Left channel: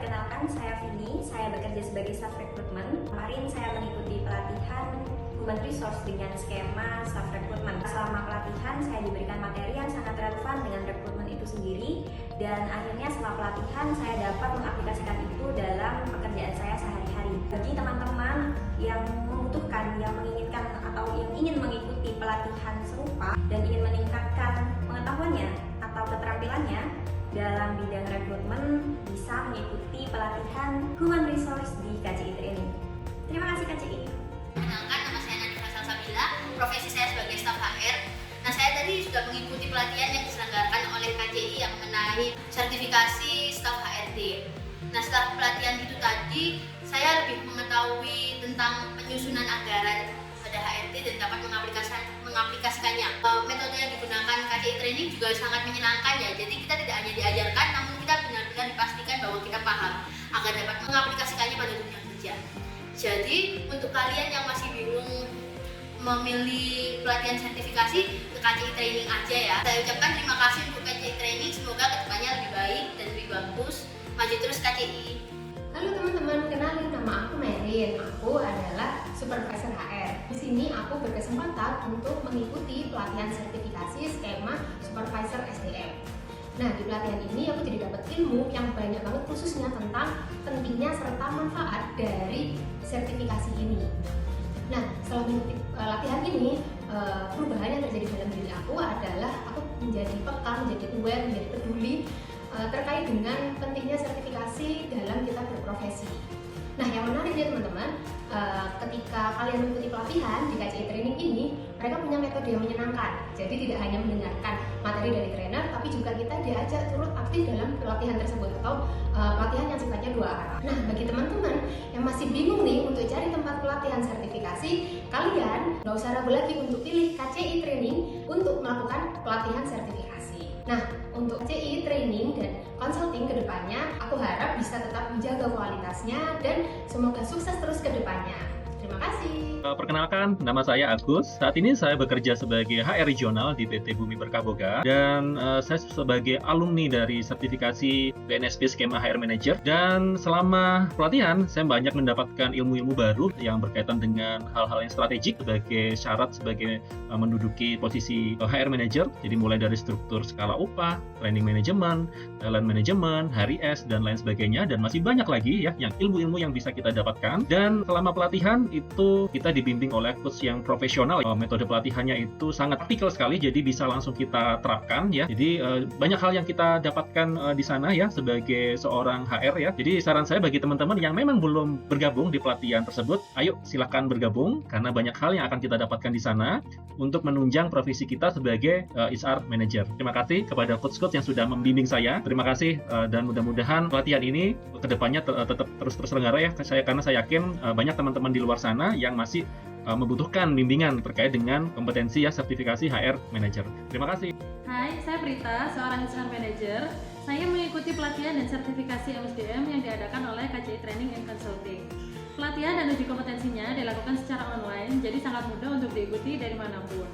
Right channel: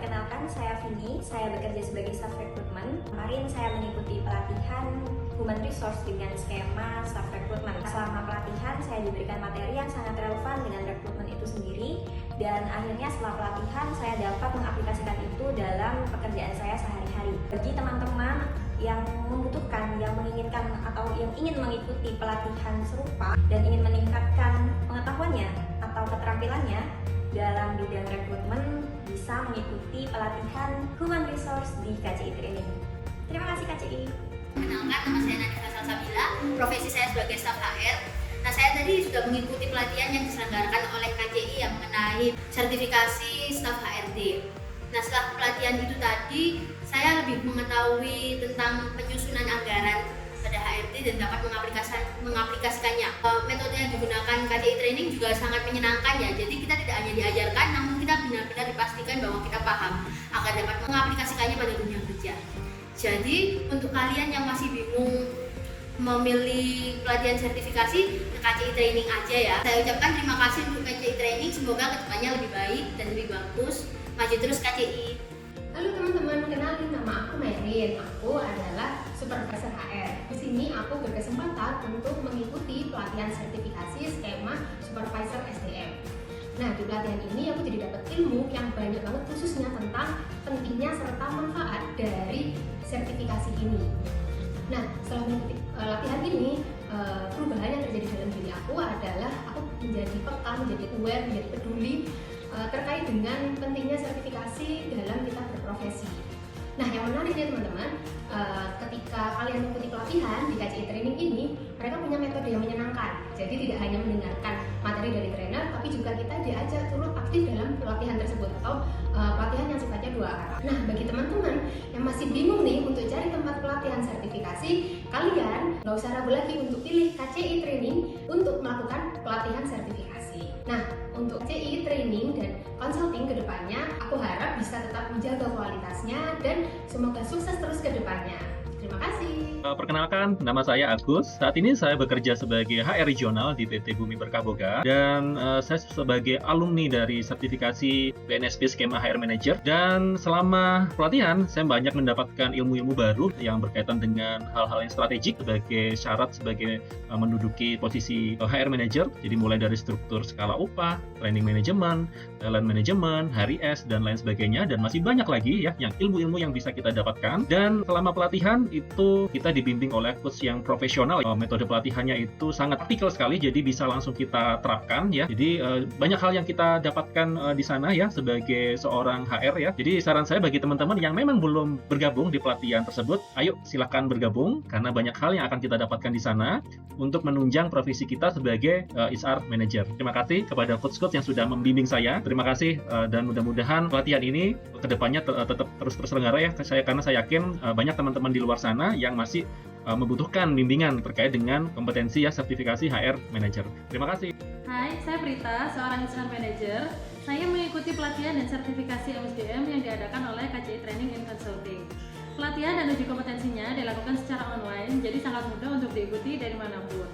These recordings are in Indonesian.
perkenalkan saya Vini, saya bekerja sebagai staff recruitment. Kemarin saya mengikuti pelatihan Human Resource dengan skema staff recruitment. Selama pelatihan saya diberikan materi yang sangat relevan dengan rekrutmen itu sendiri, dan akhirnya setelah pelatihan saya dapat mengaplikasikan itu dalam pekerjaan saya sehari-hari. Bagi teman-teman yang membutuhkan, yang menginginkan atau yang ingin mengikuti pelatihan serupa dan ingin meningkatkan pengetahuannya atau keterampilannya dalam bidang rekrutmen, bisa mengikuti pelatihan Human Resource di KCI Training. Terima kasih KCI. Kenalkan, nama saya Nadifah Salsabila, profesi saya sebagai staf HR. Nah, saya tadi sudah mengikuti pelatihan yang diselenggarakan oleh KCI yang mengenai sertifikasi staf HRD. Nah, setelah pelatihan itu tadi, saya lebih mengetahui tentang penyusunan anggaran pada HRD dan dapat mengaplikasikannya. Metode yang digunakan KCI Training juga sangat menyenangkan ya. Jadi kita tidak hanya diajarkan, namun kita benar-benar dipastikan bahwa kita paham agar dapat mengaplikasikannya pada dunia kerja. Jadi untuk kalian yang masih bingung memilih pelatihan sertifikasi, ke KCI Training aja ya. Saya ucapkan terima kasih untuk KCI Training, semoga kedepannya lebih baik dan lebih bagus. Maju terus KCI. Halo teman-teman, kenalin nama aku Merin. Aku adalah supervisor HR. Di sini aku berkesempatan untuk mengikuti pelatihan sertifikasi skema supervisor SDM. Nah, di pelatihan ini aku jadi dapat ilmu yang banyak banget, khususnya tentang pentingnya serta manfaat dari sertifikasi ini. Nah, setelah mengikuti latihan ini, perubahan yang terjadi dalam diri aku adalah aku menjadi peka, menjadi aware, menjadi peduli terkait dengan pentingnya sertifikasi dalam kita berprofesi. Nah, yang menarik ya teman-teman, ketika kalian mengikuti pelatihan di KCI Training ini, mereka punya metode yang menyenangkan. Jadi tidak hanya mendengarkan materi dari trainer, tapi juga kita diajak turut aktif dalam pelatihan tersebut atau pelatihan yang sifatnya dua arah. Nah, bagi teman-teman yang masih bingung nih untuk cari tempat pelatihan sertifikasi, kalian nggak usah ragu lagi untuk pilih KCI Training untuk melakukan pelatihan sertifikasi. Nah, untuk KCI Training dan consulting ke depannya, aku harap bisa tetap menjaga kualitasnya dan semoga sukses terus ke depannya. Terima kasih. Perkenalkan, nama saya Agus. Saat ini saya bekerja sebagai HR regional di PT Bumi Berkah Boga, dan saya sebagai alumni dari sertifikasi BNSP skema HR Manager. Dan selama pelatihan, saya banyak mendapatkan ilmu-ilmu baru yang berkaitan dengan hal-hal yang strategik sebagai syarat sebagai menduduki posisi HR Manager. Jadi mulai dari struktur skala upah, training manajemen, talent management, hari S, dan lain sebagainya. Dan masih banyak lagi ya yang ilmu-ilmu yang bisa kita dapatkan. Dan selama pelatihan itu kita dibimbing oleh coach yang profesional. Metode pelatihannya itu sangat praktikal sekali, jadi bisa langsung kita terapkan ya. Jadi banyak hal yang kita dapatkan di sana ya sebagai seorang HR ya. Jadi saran saya bagi teman-teman yang memang belum bergabung di pelatihan tersebut, ayo silakan bergabung karena banyak hal yang akan kita dapatkan di sana untuk menunjang profesi kita sebagai HR Manager. Terima kasih kepada coach-coach yang sudah membimbing saya. Terima kasih dan mudah-mudahan pelatihan ini kedepannya tetap terus terselenggara ya. Karena saya yakin banyak teman-teman di luar sana yang masih membutuhkan bimbingan terkait dengan kompetensi ya sertifikasi HR Manager. Terima kasih. Hai, saya Prita, seorang HR Manager. Saya mengikuti pelatihan dan sertifikasi MSDM yang diadakan oleh KCI Training and Consulting. Pelatihan dan uji kompetensinya dilakukan secara online, jadi sangat mudah untuk diikuti dari manapun.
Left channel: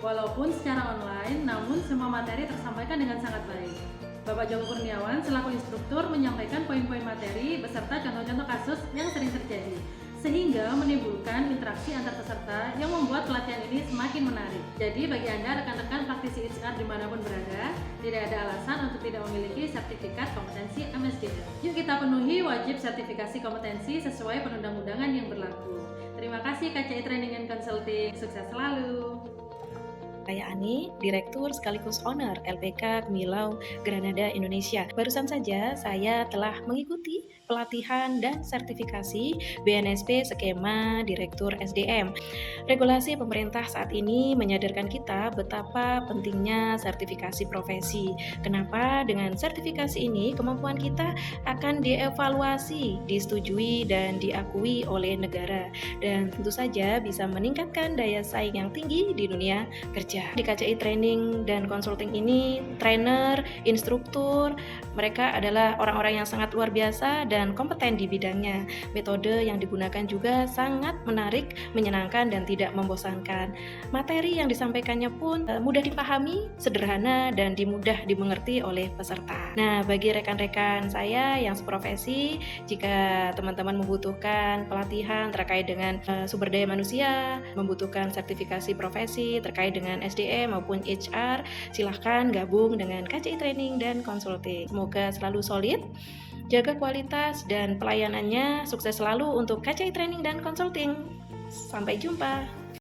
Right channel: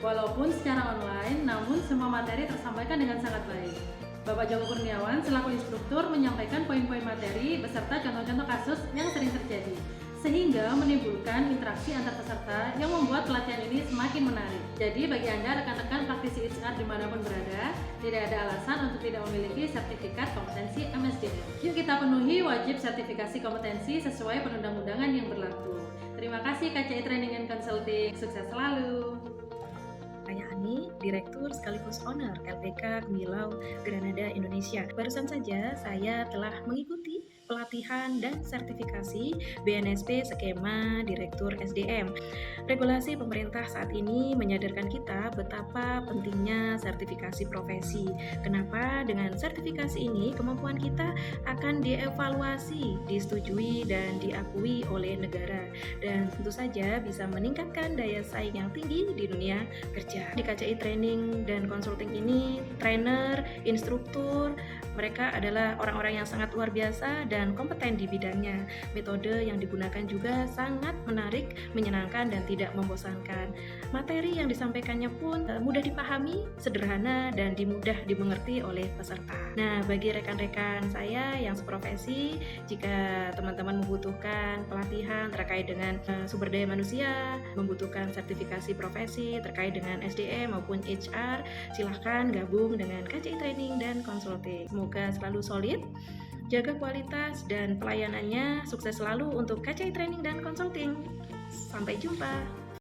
Walaupun secara online, namun semua materi tersampaikan dengan sangat baik. Bapak Joko Kurniawan selaku instruktur menyampaikan poin-poin materi beserta contoh-contoh kasus yang sering terjadi, sehingga menimbulkan interaksi antar peserta yang membuat pelatihan ini semakin menarik. Jadi bagi Anda rekan-rekan praktisi HR dimanapun berada, tidak ada alasan untuk tidak memiliki sertifikat kompetensi MSDM. Yuk kita penuhi wajib sertifikasi kompetensi sesuai perundang-undangan yang berlaku. Terima kasih KCI Training and Consulting, sukses selalu. Saya Ani, Direktur sekaligus Owner LPK Milau Granada Indonesia. Barusan saja saya telah mengikuti pelatihan dan sertifikasi BNSP skema Direktur SDM. Regulasi pemerintah saat ini menyadarkan kita betapa pentingnya sertifikasi profesi. Kenapa? Dengan sertifikasi ini kemampuan kita akan dievaluasi, disetujui dan diakui oleh negara, dan tentu saja bisa meningkatkan daya saing yang tinggi di dunia kerja. Di KCI Training dan Consulting ini, trainer, instruktur, mereka adalah orang-orang yang sangat luar biasa dan kompeten di bidangnya. Metode yang digunakan juga sangat menarik, menyenangkan, dan tidak membosankan. Materi yang disampaikannya pun mudah dipahami, sederhana, dan mudah dimengerti oleh peserta. Nah, bagi rekan-rekan saya yang seprofesi, jika teman-teman membutuhkan pelatihan terkait dengan sumber daya manusia, membutuhkan sertifikasi profesi terkait dengan SDM maupun HR, silahkan gabung dengan KCI Training dan Consulting. Semoga selalu solid, jaga kualitas dan pelayanannya, sukses selalu untuk KCI Training dan Consulting. Sampai jumpa.